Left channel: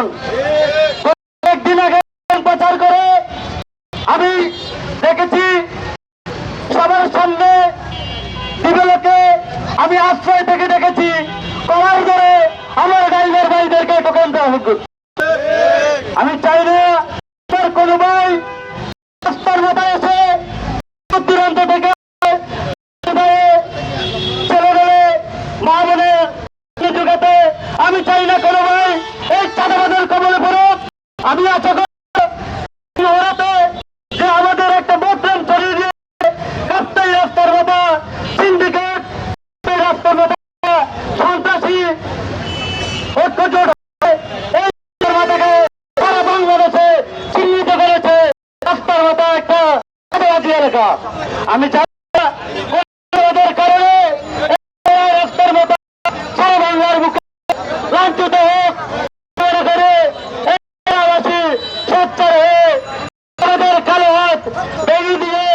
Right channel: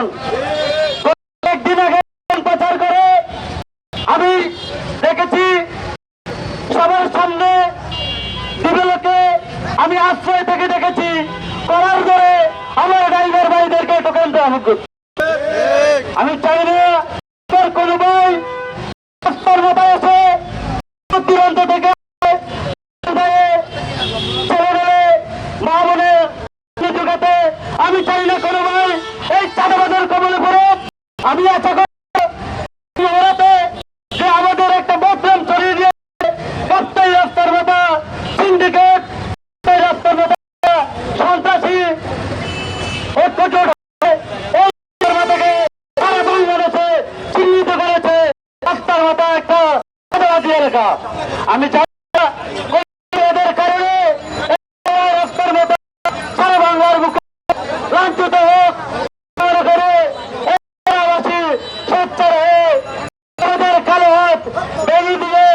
দল কয়েকদিন প্রচার করে আমি দেখেছি চাই না কোনো ভাই দূরান্ত থেকে হয়ে মা বোনে আমি চাই না এই চাঁদাবাদের কবলে পড়ুক আমি আশা করি ওরাতে যে আমাদের একটা বদনাম ছড়িয়ে দিয়ে রাস্তায় রাস্তার মাথা সিন্ডিকেট রাস্তার মাথা সন্ত্রাসী এই মাথাকে সারা বাংলাদেশে চিহ্নিত করেছে। রাস্তার মাথা একটা এলাকা। আমি চাই না কোনোদের কারণে এই রাস্তার মাথা সারা বাংলার বুকে লাঞ্ছিত হোক মনে করে এই এলাকাবাসী সোচ্চার হয়ে আমাদের কালো হাত বেরিয়ে দিয়ে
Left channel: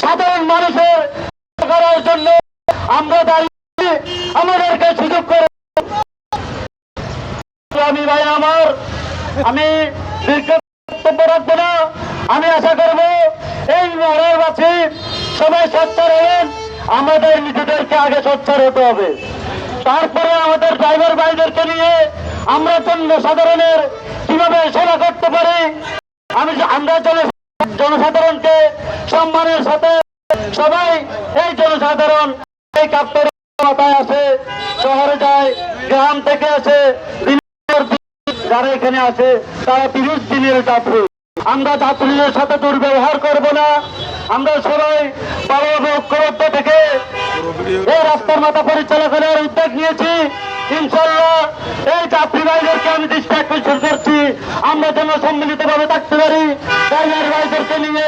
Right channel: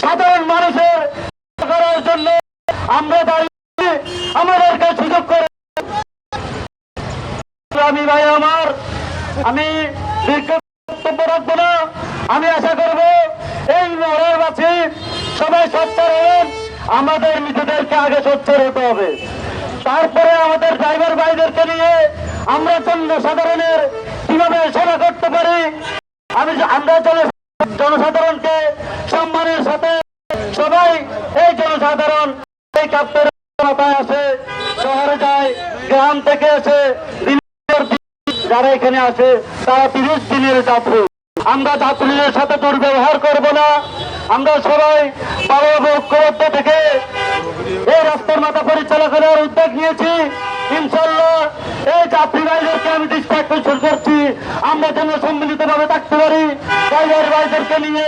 সাধারণ মানুষের করার জন্য আমরা আমি দীর্ঘ না আমি আশা করব এই মহড়াবাসী সবাই সোচ্চার হবেন আমাদের নিজেদেরকে আগে সোচ্চার হতে হবে তারপরে আমাদের ড্রাইভার ভাইদেরকে নিয়ে আমরা জনসাধারণের কীভাবে সেবা করতে পারি আমি আমরা জনসাধারণকে সম্মানের সাথে সবাই এই জনসাধারণ যারা এখানে আসে, তারা তিরিশ দিনের যাত্রী। আমরা যাত্রীদের সাথে দুর্ব্যবহার করব না। আমরা সবাই বারো ঐক্যবদ্ধ থেকে। এই রাস্তার মাথা পরিচালনা করার উদ্যোগ নিয়েছি। ইনশাল্লাহ আমি দৃষ্টি করছি। আমরা যেন সম্মিলিত ভাবে থাকতে পারি। ড্রাইভার ভাইদেরকে নিয়ে,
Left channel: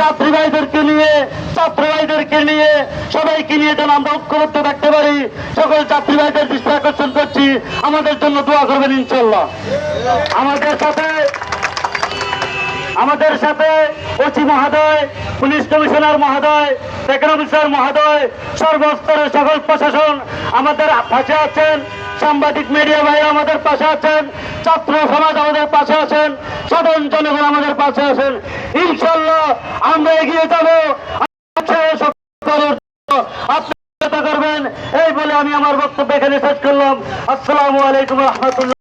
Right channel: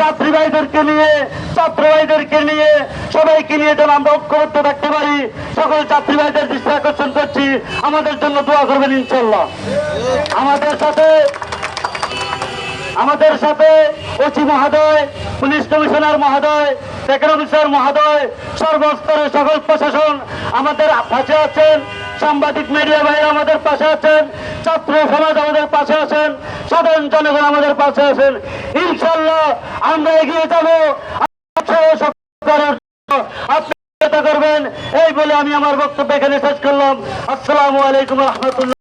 যাত্রী ভাইদেরকে নিয়ে, ছাত্র ভাইদেরকে নিয়ে, সবাইকে নিয়ে যেন আমরা ঐক্যবদ্ধ থাকতে পারি। সকল যাত্রী ভাইদের দৃষ্টি আকর্ষণ করছি। আমাদের জন্য দোয়া করবেন ইনশাল্লাহ আমাদের সাথে আমাদের সাথে ওসি মহোদয়, পুলিশ কমিশনার মহোদয় অফিসার মহোদয়, সর্বস্তরের সকল প্রশাসন আমাদের পাশে আছেন। সাংবাদিক মিডিয়া ভাই আমাদের পাশে আছেন, ছাত্র সমাজ আমাদের পাশে আছেন, সাধারণ জনগণ আমাদের পাশে আছেন। ইনশাল্লাহ আমরা এগিয়ে যাব। করবেন এই বলে আমি আমার বক্তব্য এখানে শেষ করলাম। আসসালামু আলাইকুম রহমতুল্লাহ।